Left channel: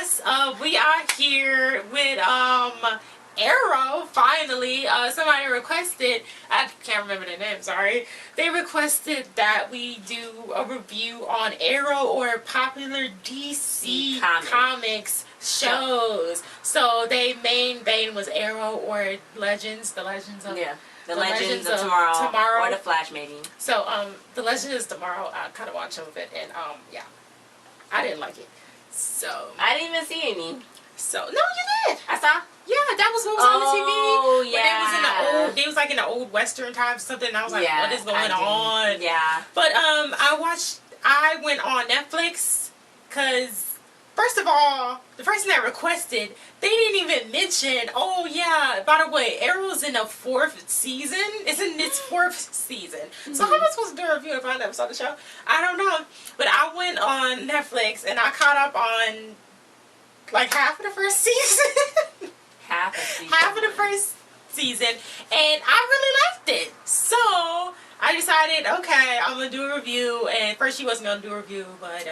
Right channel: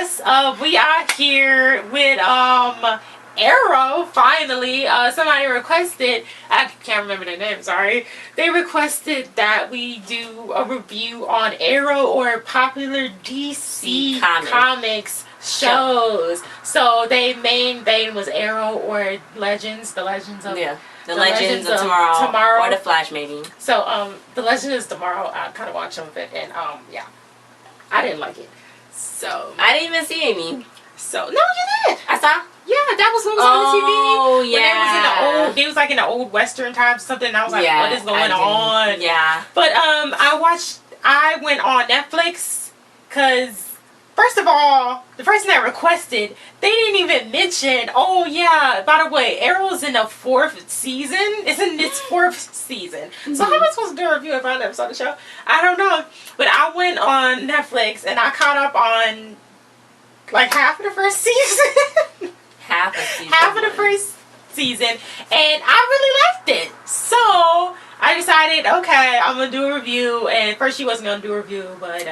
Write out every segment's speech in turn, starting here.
yes, we are here with Arrow. Finally, somebody requested. I can't remember their name. Sorry. They requested that we do a review on Arrow or popular DC comics shows. So their main vein was Arrow or Legends, the Legends of the Legends of Tomorrow, or the Flash maybe. So the Legends of Tomorrow, I kind of watched some of it, and yeah, I didn't like it. So I didn't even see any. So no, you did. I saw. Yeah, that was what was on the TV. Oh yeah. When they was like in the old Western times or something. And I was like, what is going on? Yeah. But I went on Netflix because. First of all, the person that requested, they didn't even mention, oh yeah, by the way, Arrow's in the 4th season. It's in its 4th season. So how am I supposed to do a review if I never saw the show? I don't know. But I went on Netflix and I caught up on like half of the first season. Half of the first season. And I really liked it. So I decided, okay, I'm going to do a review. And first she wasn't going to do a review, but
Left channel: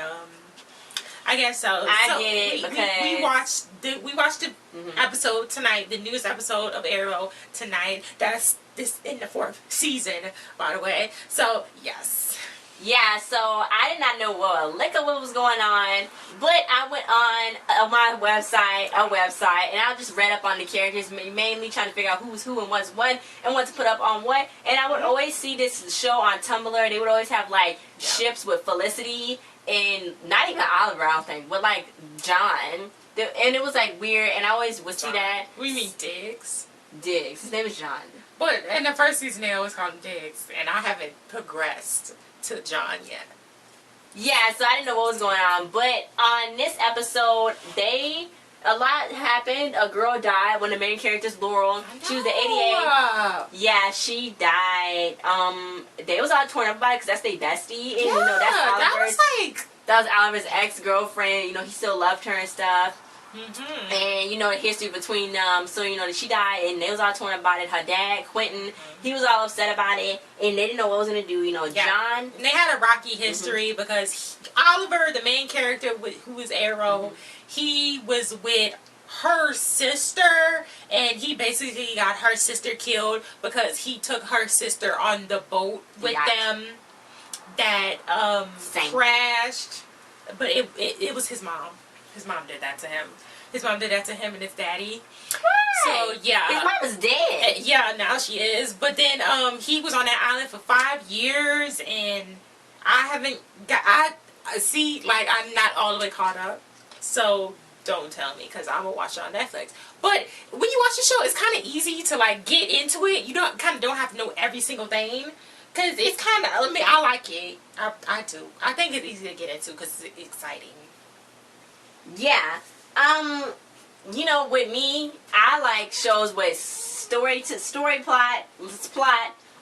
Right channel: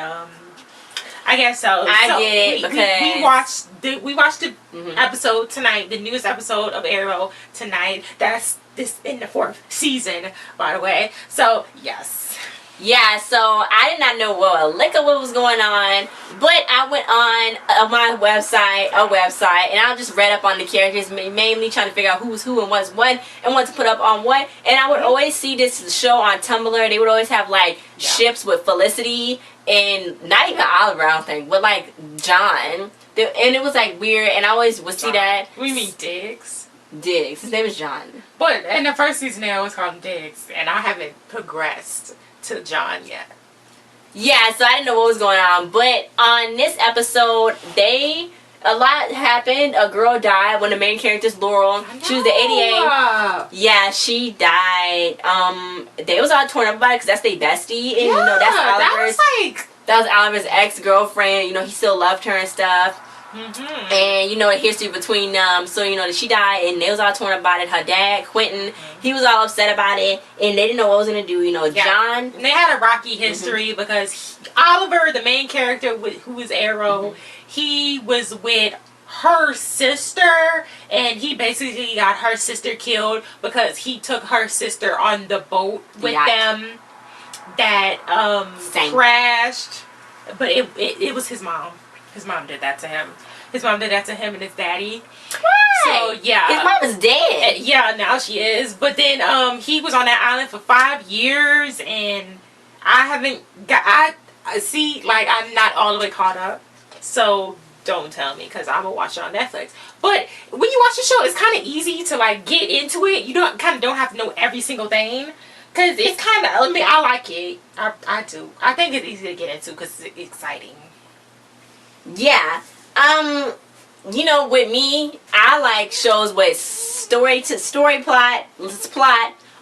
I guess so. I did it because we watched the episode tonight, the newest episode of Arrow tonight. That's this in the 4th season, by the way. So yes. Yeah, so I did not know a lick of what was going on, but I went on my website, and I just read up on the characters, mainly trying to figure out who's who and what's what, and what to put up on what. And I would always see this show on Tumblr. They would always have like ships with Felicity and not even Oliver, I don't think, but like John. And it was like weird, and I always would see that. We mean Diggs. Diggs. His name is John. But in the first season, they always called him Diggs, and I haven't progressed to John yet. Yeah, so I didn't know what was going on. But on this episode, a lot happened. A girl died. One of the main characters, Laurel. She was the 88. Yeah, she died. They was all torn up about it because that's their bestie. And, that's Oliver's. That was Oliver's ex-girlfriend. He still loved her and stuff. Mm-hmm. And the history between them. So she died, and they was all torn about it. Her dad, Quentin, he was all upset about it, and they didn't know what was gonna do. John. And they had a rocky history because Oliver, the main character, who was Arrow, he was with her sister, and he basically got her sister killed because he took her sister on the boat with them that crashed. But it was his mom. His mom did that to him. His mom did that to him and his daddy. Right. So, yeah. His mom is dead. Yeah, now she is. But then he was on that island for 5 years, and I haven't got... I'm not all the way caught up. So, don't tell me, because I'm going to watch it on Netflix. But when you watch the show, it's kind of easy to, get into it. You don't have to know every single thing. Because it's kind of... I like it. I do. I think it's easy to get into because it's exciting. Yeah. With me, I like shows with story plot,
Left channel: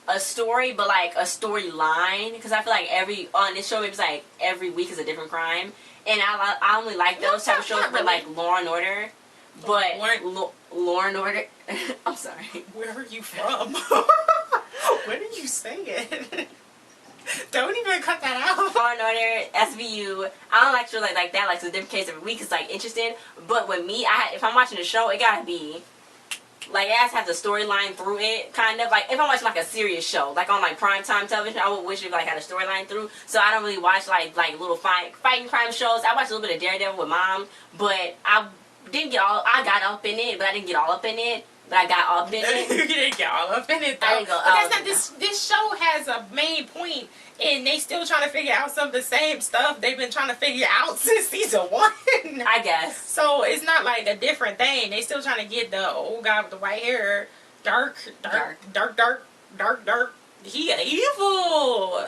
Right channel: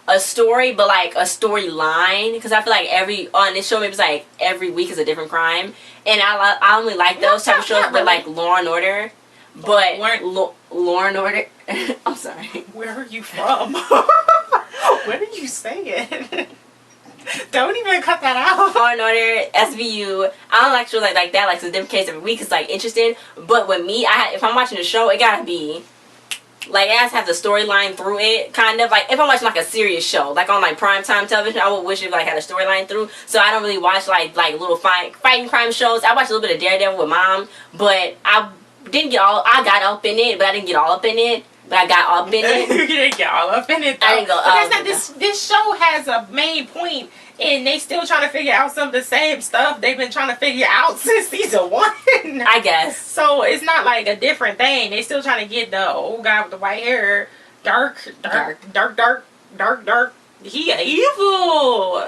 a story, but like a storyline. Because I feel like on this show, maybe it's like every week is a different crime. And I only like those type of shows with like Law and Order. But Law and Order, I'm sorry. Where are you from? What are you saying? Don't even cut that out. Law and Order, SVU. I don't like shows like that. Like, it's a different case every week. It's like interesting. But with me, if I'm watching a show, it gotta be like, it has to have the storyline through it. Kind of like if I'm watching like a serious show, like on like primetime television, I would wish it had a storyline through. So I don't really watch like little fighting crime shows. I watched a little bit of Daredevil with Mom, but I got up in it, but I didn't get all up in it. But I got up in it. You didn't get all up in it, though. I didn't go up. Because this show has a main point, and they still trying to figure out some of the same stuff they've been trying to figure out since season 1. I guess. So it's not like a different thing. They still trying to get the old guy with the white hair dark. He evil.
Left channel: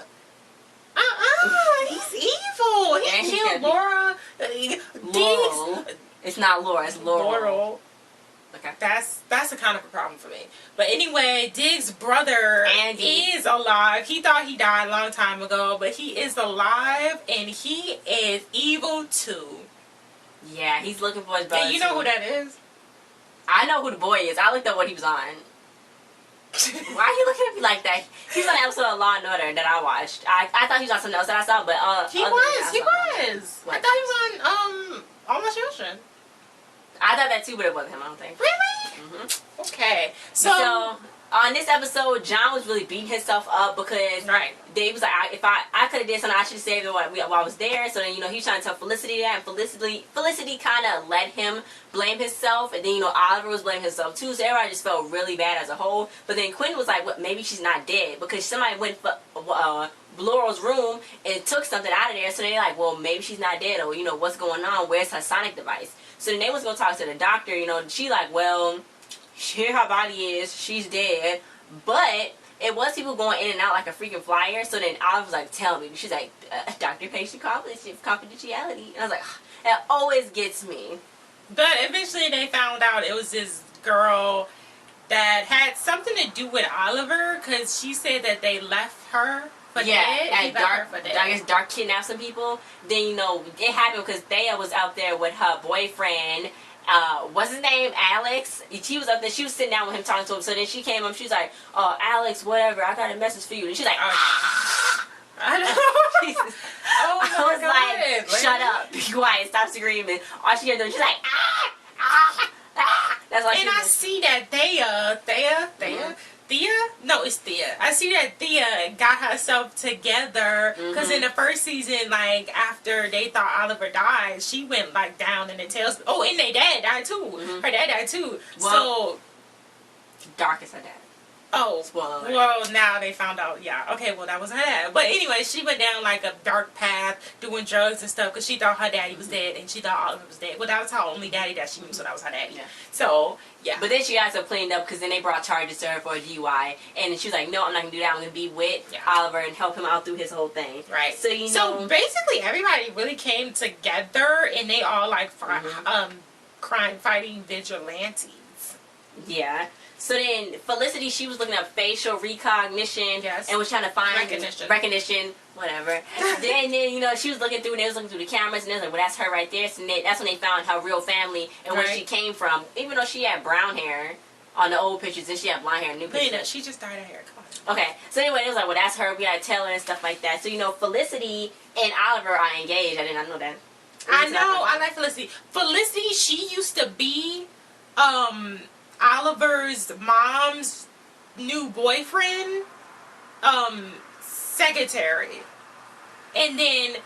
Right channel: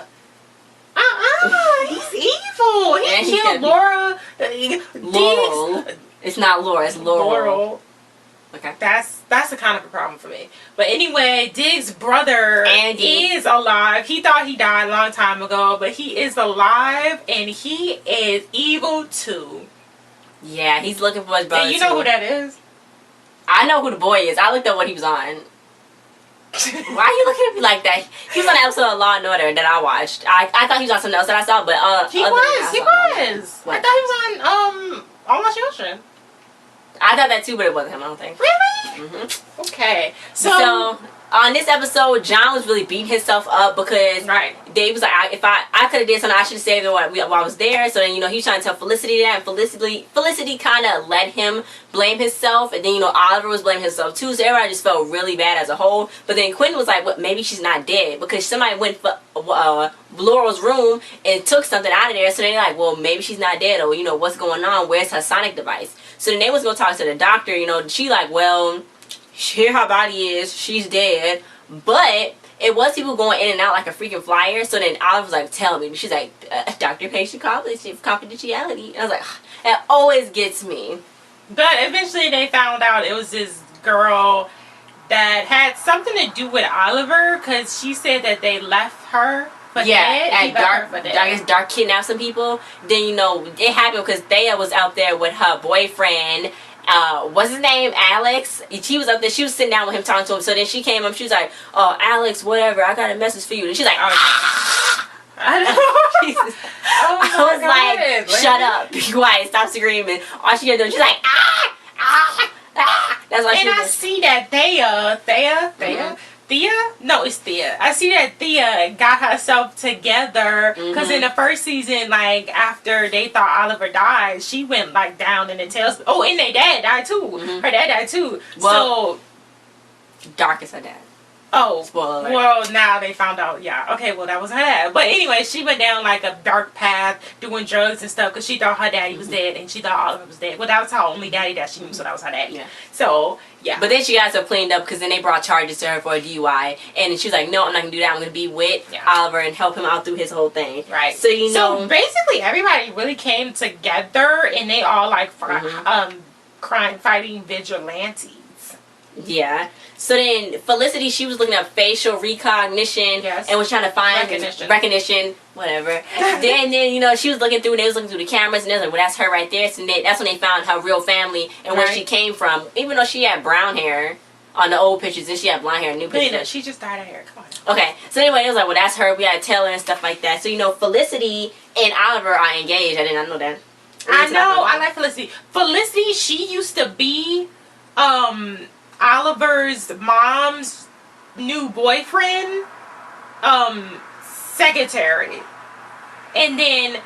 He's evil. He killed Laura. Laurel. It's not Laura. It's Laurel. Okay. That's a kind of a problem for me. But anyway, Diggs' brother is alive. He thought he died a long time ago, but he is alive, and he is evil too. Yeah, he's looking for his brother. And you know who that is? I know who the boy is. I looked up what he was on. Why are you looking at me like that? He was on an episode of Law and Order that I watched. I thought he was on something else that I saw, but he was. I thought he was on Almost Ocean. I thought that too, but it wasn't him, I don't think. Really? Mm-hmm. Okay. So on this episode, John was really beating himself up because Dave was like, if I could have did something, I should have saved it while I was there. So then, he's trying to tell Felicity that, and Felicity kind of let him blame himself, and then, Oliver was blaming himself too, so everybody just felt really bad as a whole. But then Quentin was like, well, maybe she's not dead, because somebody went for Laurel's room and took something out of there, so they're like, well, maybe she's not dead, or, what's going on, where's her sonic device? So then they was going to talk to the doctor, she like, well, here her body is, she's dead, but it was people going in and out like a freaking flyer. So then Oliver was like, tell me. She's like, doctor-patient confidentiality. And I was like, that always gets me. But eventually they found out it was this girl that had something to do with Oliver, because she said that they left her for dead. And I guess Dark kidnapped some people. Then, it happened because Thea was out there with her boyfriend. What's his name? Alex. She was up there. She was sitting down with him, talking to him. So then she came up. She was like, "Oh, Alex, whatever. I got a message for you." And she's like, I Jesus. I was like, "Shut up, be quiet, stop screaming." All she kept doing, she's like, That's why. And I see that Thea? No, it's Thea. I see that Thea got herself together, because in the first season, like, after they thought Oliver died, she went, like, down in the tails. Oh, and their dad died, too. Her dad died, too. Well, Dark is her dad. Oh, spoiler alert. Well, now they found out. Yeah, okay, well, that was her dad. But anyway, she went down like a dark path, doing drugs and stuff, because she thought her daddy was dead, and she thought Oliver was dead. Well, that was her only daddy that she knew, so that was her daddy. Yeah. So, yeah. But then she got herself cleaned up, because then they brought charges to her for a DUI, and she was like, no, I'm not going to do that. I'm going to be with Oliver and help him out through his whole thing. Right. So, So, basically, everybody really came together, and they all, like, crime-fighting vigilantes. Yeah. So then Felicity, she was looking up facial recognition and was trying to find recognition, whatever. then she was looking through, and they was looking through the cameras, and they was like, well, that's her right there. So that's when they found her real family and where she came from. Even though she had brown hair on the old pictures, and she had blonde hair in new pictures. Mila, she just dyed her hair. Come on. Okay. So anyway, it was like, well, that's her. We had to tell her and stuff like that. So Felicity and Oliver are engaged. I did not know that. I know. I like Felicity. Felicity, she used to be Oliver's mom's new boyfriend, secretary. And then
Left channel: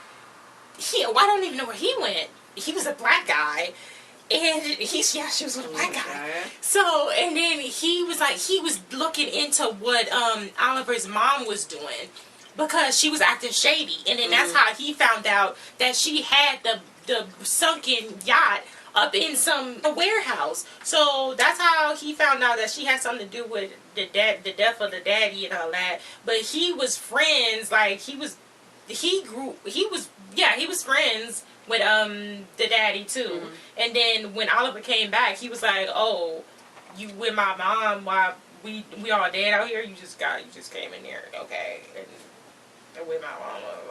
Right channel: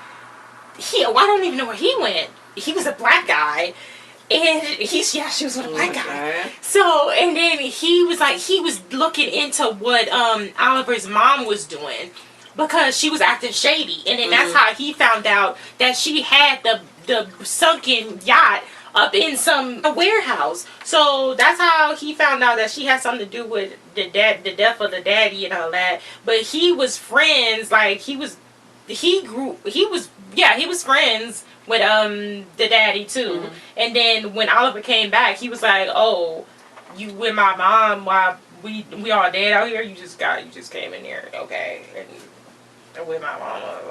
I don't even know where he went. He was a black guy. And she was with a black guy. So, and then he was looking into what Oliver's mom was doing, because she was acting shady. And then that's how he found out that she had the sunken yacht up in some warehouse. So that's how he found out that she had something to do with the death of the daddy and all that. But he was friends, like he was friends with the daddy too. And then when Oliver came back, he was like, "Oh, you with my mom while we all dead out here? You just came in there, okay?" And with my mama,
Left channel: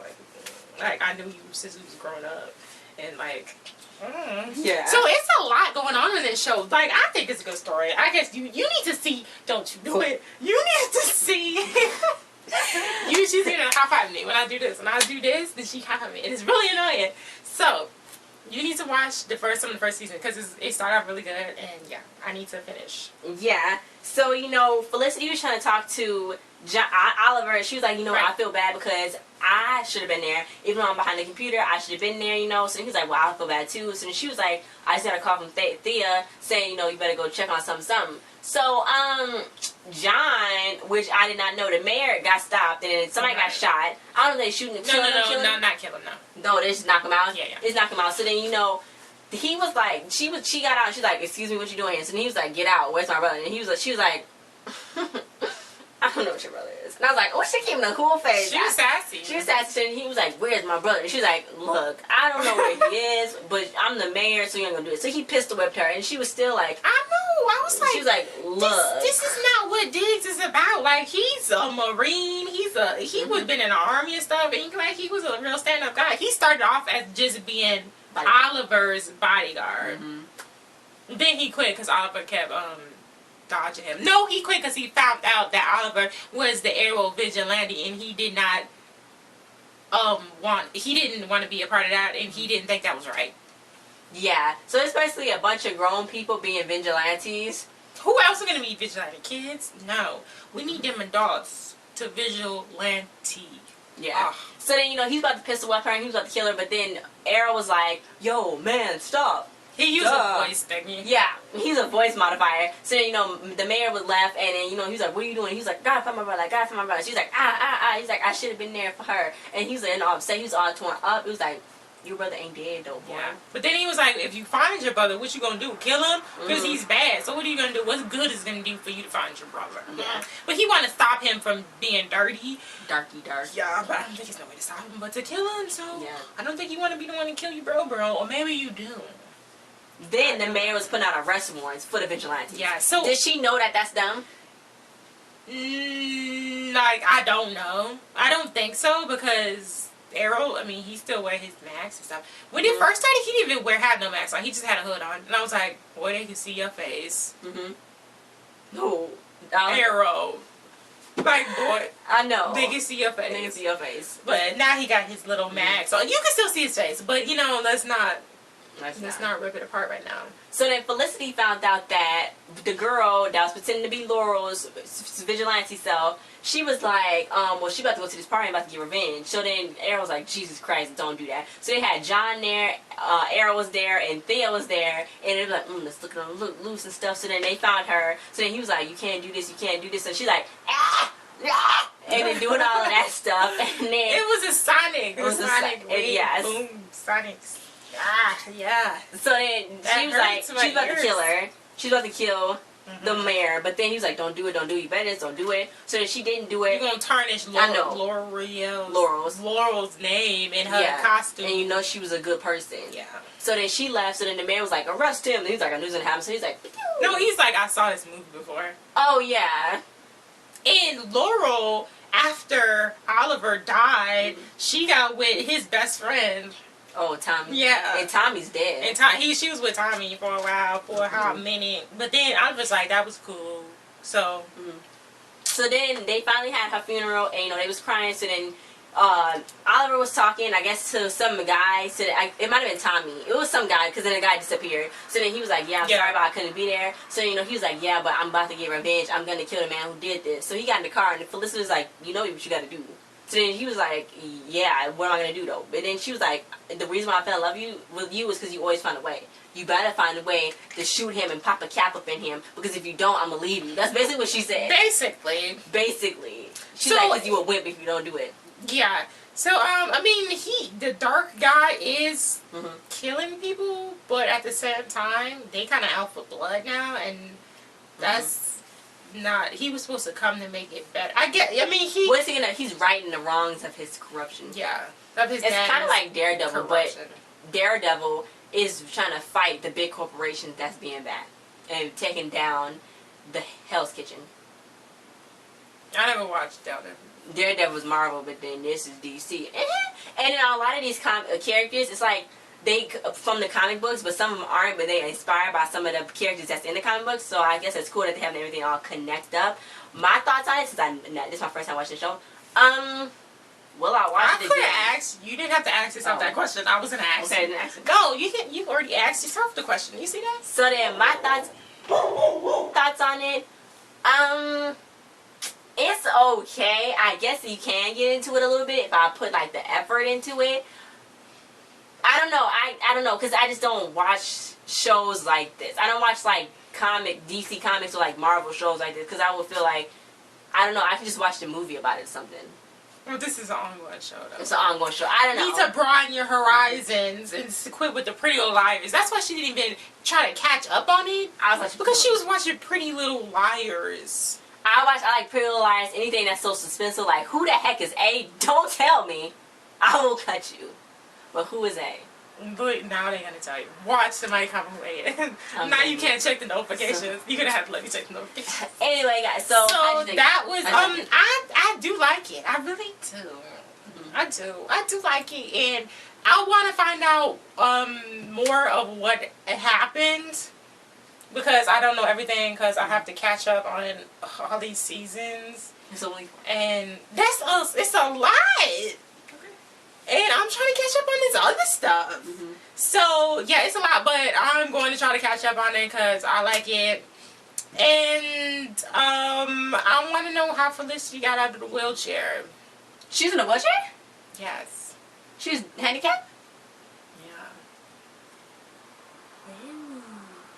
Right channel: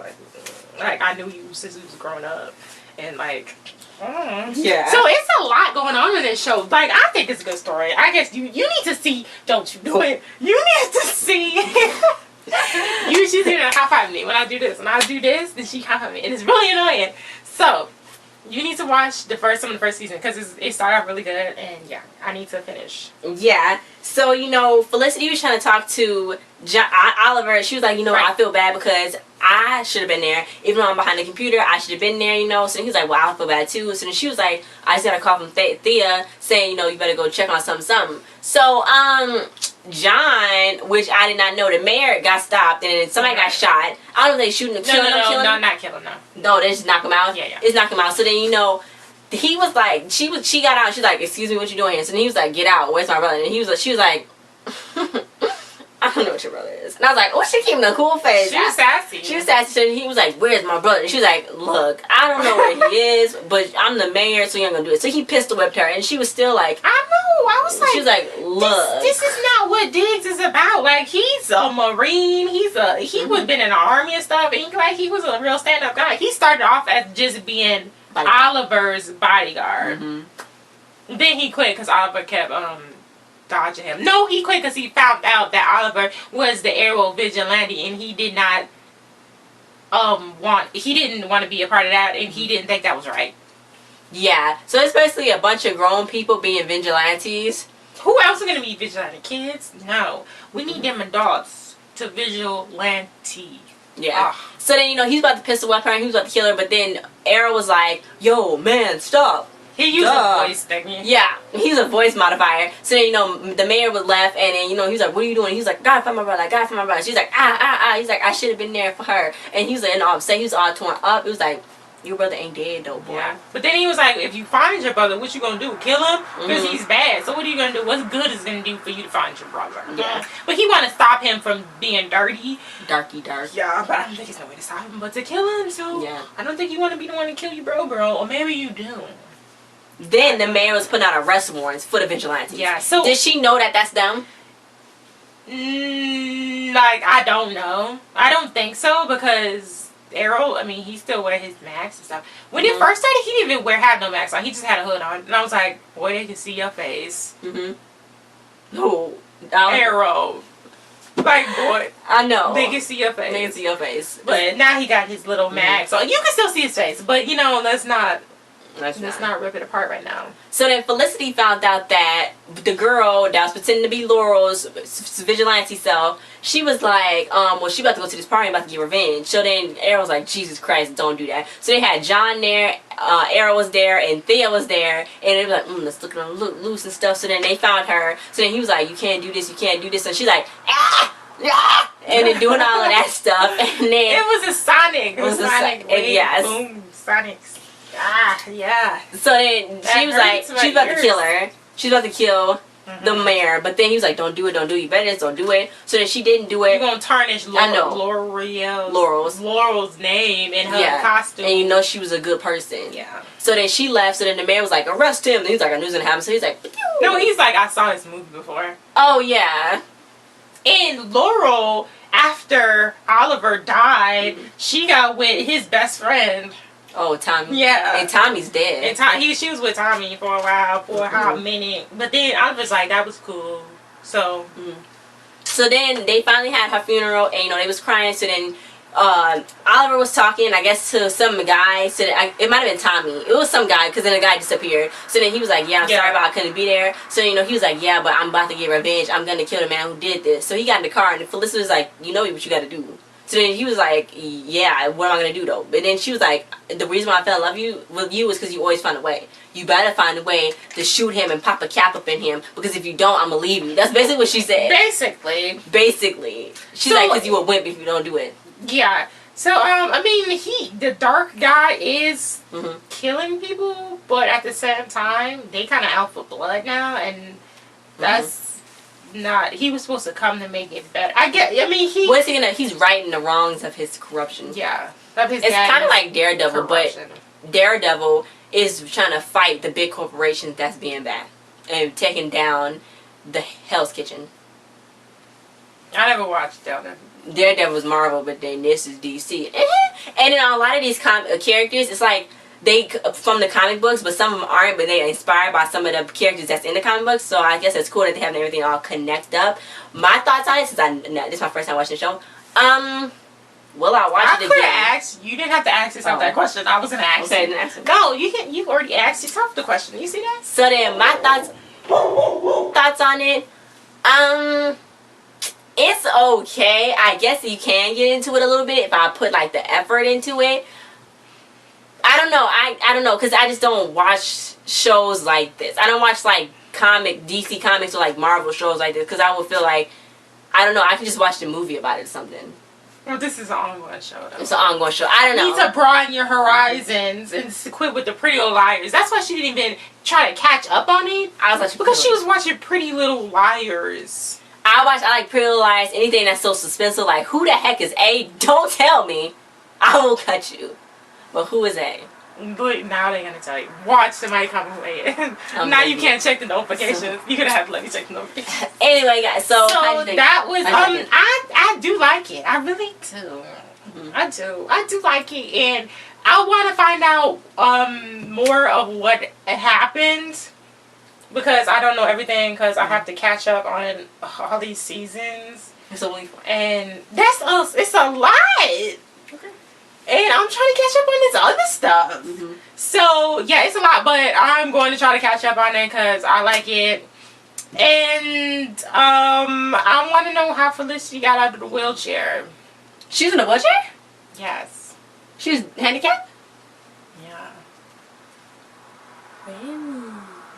like I knew you since we was growing up, and like. Yeah. So it's a lot going on in this show. Like, I think it's a good story. I guess you need to see. Don't you do it? You need to see. She's gonna high five me when I do this. When I do this, then she high five me, and it's really annoying. So you need to watch some of the first season, because it started off really good, and yeah, I need to finish. Yeah. So Felicity was trying to talk to Oliver. She was like, I feel bad because I should have been there. Even though I'm behind the computer, I should have been there, So then he was like, well, I feel bad too. So then she was like, I just got a call from Thea saying, you better go check on something. So, John, which I did not know, the mayor got stopped and somebody got shot. I don't know if they shooting him, killing him. No, not kill him, no. No, they just knock him out? Yeah. It's knock him out. So then, he was like, she got out. She's like, excuse me, what you doing here? So then he was like, get out. Where's my brother? And she was like, I don't know what your brother is. And I was like, oh, she keeping a cool face. She was sassy. She was sassy. And he was like, where's my brother? And she was like, look, I don't know where he is, but I'm the mayor, so you ain't gonna do it. So he pistol whipped her, and she was still like, I know. I was like, she was like, look, this is not what Diggs is about. Like, he's a Marine. He was been in the army and stuff. And he was a real stand-up guy. He started off as just being Oliver's bodyguard. Then he quit because Oliver kept dodging him. No, he quit because he found out that Oliver was the aerial vigilante, and he did not didn't want to be a part of that, and he didn't think that was right. Yeah. So it's basically a bunch of grown people being vigilantes. Who else is gonna be vigilante? Kids? No. We need them adults to vigilante. Yeah. So then, he's about to pistol whip her and he was about to kill her, but then Arrow was like, yo, man, stop. He used a voice thing. Yeah, he was a voice modifier. So then, the mayor was left, and then, he was like, what are you doing? He's like, gotta find my brother, gotta find my brother. She's like, He's like, I should have been there for her. And he was like, all upset. He was all torn up. It was like, your brother ain't dead, though, boy. Yeah. But then he was like, if you find your brother, what you gonna do? Kill him? Because he's bad. So what are you gonna do? What's good is gonna do for you to find your brother? Yeah. But he want to stop him from being dirty. Dark. Yeah, but I don't think there's no way to stop him but to kill him. So yeah. I don't think you want to be the one to kill your bro. Or maybe you do. Then the mayor was putting out arrest warrants for the vigilantes. Yeah, so... Did she know that that's them? Like, I don't know. I don't think so, because Arrow, I mean, he still wear his mask and stuff. When it first started, he didn't even have no mask on. He just had a hood on. And I was like, boy, they can see your face. No. Arrow. Like, boy. I know. They can see your face. They can see your face. But now he got his little mask. So you can still see his face. But, let's not rip it apart right now. So then Felicity found out that the girl that was pretending to be Laurel's vigilante self, she was like, she about to go to this party and about to get revenge. So then Arrow was like, Jesus Christ, don't do that. So they had John there, Arrow was there, and Thea was there, and they were like, let's look at them loose and stuff. So then they found her. So then he was like, you can't do this, you can't do this. And she's like, and then doing all of that stuff. And then it was a Sonic. It was a Sonic. Yes. Boom, Sonics. Yeah. So then she was like, she's about to kill her. She's about to kill the mayor. But then he was like, don't do it. You better just don't do it. So then she didn't do it. You're going to tarnish Laurel's name in her costume. And she was a good person. Yeah. So then she left. So then the mayor was like, arrest him. And he's like, I knew it was going to happen. So he's like, pew. No, he's like, I saw this movie before. Oh, yeah. And Laurel, after Oliver died, she got with his best friend. Oh, Tommy. Yeah. And Tommy's dead. And she was with Tommy for a while, for a hot minute. But then I was like, that was cool. So. So then they finally had her funeral, and they was crying. So then Oliver was talking, I guess, to some guy. So it might have been Tommy. It was some guy, because then the guy disappeared. So then he was like, I'm sorry, but I couldn't be there. So he was like, yeah, but I'm about to get revenge. I'm gonna kill the man who did this. So he got in the car, and Felicity was like, you know what you gotta do. So then he was like, yeah, what am I going to do, though? But then she was like, the reason why I fell in love with you is because you always find a way. You better find a way to shoot him and pop a cap up in him, because if you don't, I'm going to leave you. That's basically what she said. Basically. She's like, because you a wimp if you don't do it. Yeah. So, I mean, the dark guy is killing people, but at the same time, they kind of out for blood now, and that's... not, he was supposed to come to make it better. What's he gonna? He's righting the wrongs of his corruption. Yeah, it's kind of like Daredevil, corruption. But Daredevil is trying to fight the big corporations that's being bad and taking down the Hell's Kitchen. I never watched Daredevil. Daredevil was Marvel, but then this is DC. And in a lot of these characters, it's like they from the comic books, but some of them aren't, but they're inspired by some of the characters that's in the comic books. So I guess it's cool that they have everything all connected up. My thoughts on it, since this is my first time watching the show. Will I watch it again? I could have asked. You didn't have to ask yourself that question. I was gonna ask. Okay, then ask it. No, you've already asked yourself the question. You see that? So then my thoughts on it. It's okay. I guess you can get into it a little bit if I put like the effort into it. I don't know. I don't know, because I just don't watch shows like this. I don't watch like DC comics or like Marvel shows like this, because I would feel like, I don't know, I could just watch the movie about it or something. Well, this is an ongoing show, though. It's an ongoing show. I don't know. You need to broaden your horizons and quit with the Pretty Little Liars. That's why she didn't even try to catch up on it. Because she was watching Pretty Little Liars. I like Pretty Little Liars, anything that's so suspenseful, like, who the heck is A? Don't tell me. I will cut you. But who is A? But now they're going to tell you. Watch somebody come away. Now you can't check the notifications. You're going to have to let me check the notifications. Anyway, guys, so that was, I do like it. I really do. I do like it. And I want to find out more of what happened. Because I don't know everything, because I have to catch up on all these seasons. It's only 4. And it's a lot. Okay. And I'm trying to catch up on this other stuff. Mm-hmm. So, yeah, it's a lot, but I'm going to try to catch up on it because I like it. And I want to know how Felicity got out of the wheelchair. She's in a wheelchair? Yes. She's handicapped? Yeah.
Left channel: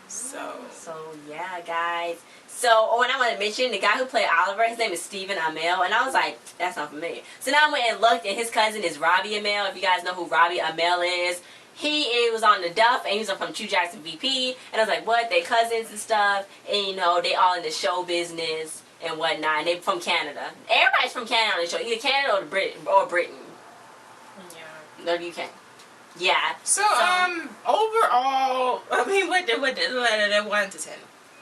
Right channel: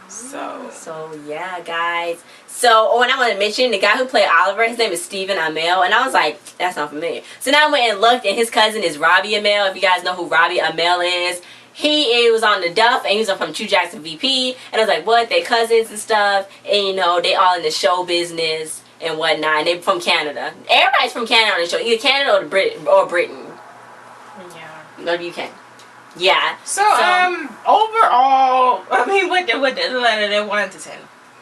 So yeah, guys. So, and I want to mention the guy who played Oliver, his name is Stephen Amell, and I was like, that's not familiar. So now I went and looked, and his cousin is Robbie Amell. If you guys know who Robbie Amell is, he was on the Duff, and he was from True Jackson VP, and I was like, what? They cousins and stuff, and you know, they all in the show business and whatnot, and they from Canada. Everybody's from Canada on the show, either Canada or Britain. Yeah. No, the UK. Yeah. So overall, I mean, what the 1 to 10?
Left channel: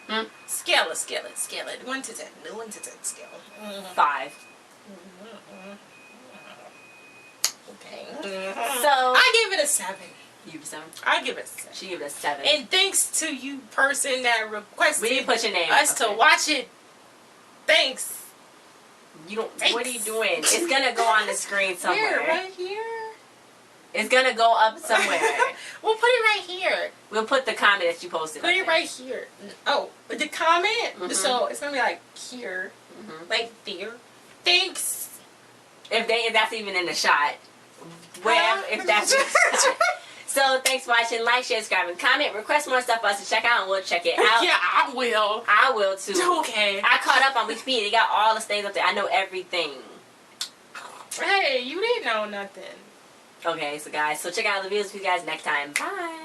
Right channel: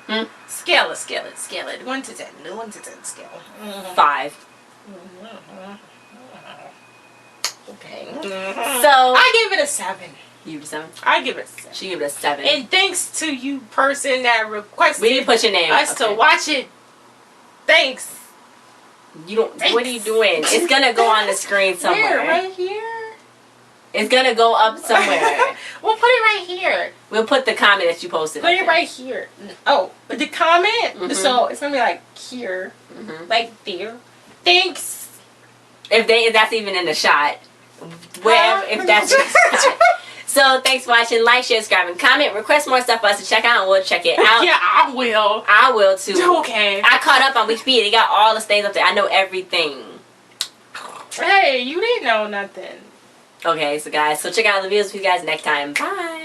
Hmm? Scale it. 1 to 10. The 1 to 10 scale. 5. Okay. So I give it a 7. you give it a 7. I give it a 7. She gave it a 7. And thanks to you, person that requested We didn't put your name. us to watch it. Thanks. You don't. What are you doing? It's gonna go on the screen somewhere. Where? Right here. It's gonna go up somewhere. We'll put it right here. We'll put the comment that you posted. Put it right here. Oh, the comment. Mhm. So it's gonna be like here, Mm-hmm. like there. Thanks. If that's even in the shot, wherever, if that's in the shot. So thanks for watching. Like, share, subscribe, and comment. Request more stuff for us to check out, and we'll check it out. Yeah, I will. I will too. Okay. I caught up on Wikipedia. They got all the things up there. I know everything. Hey, you didn't know nothing. Okay, so guys, so check out the videos with you guys next time. Bye.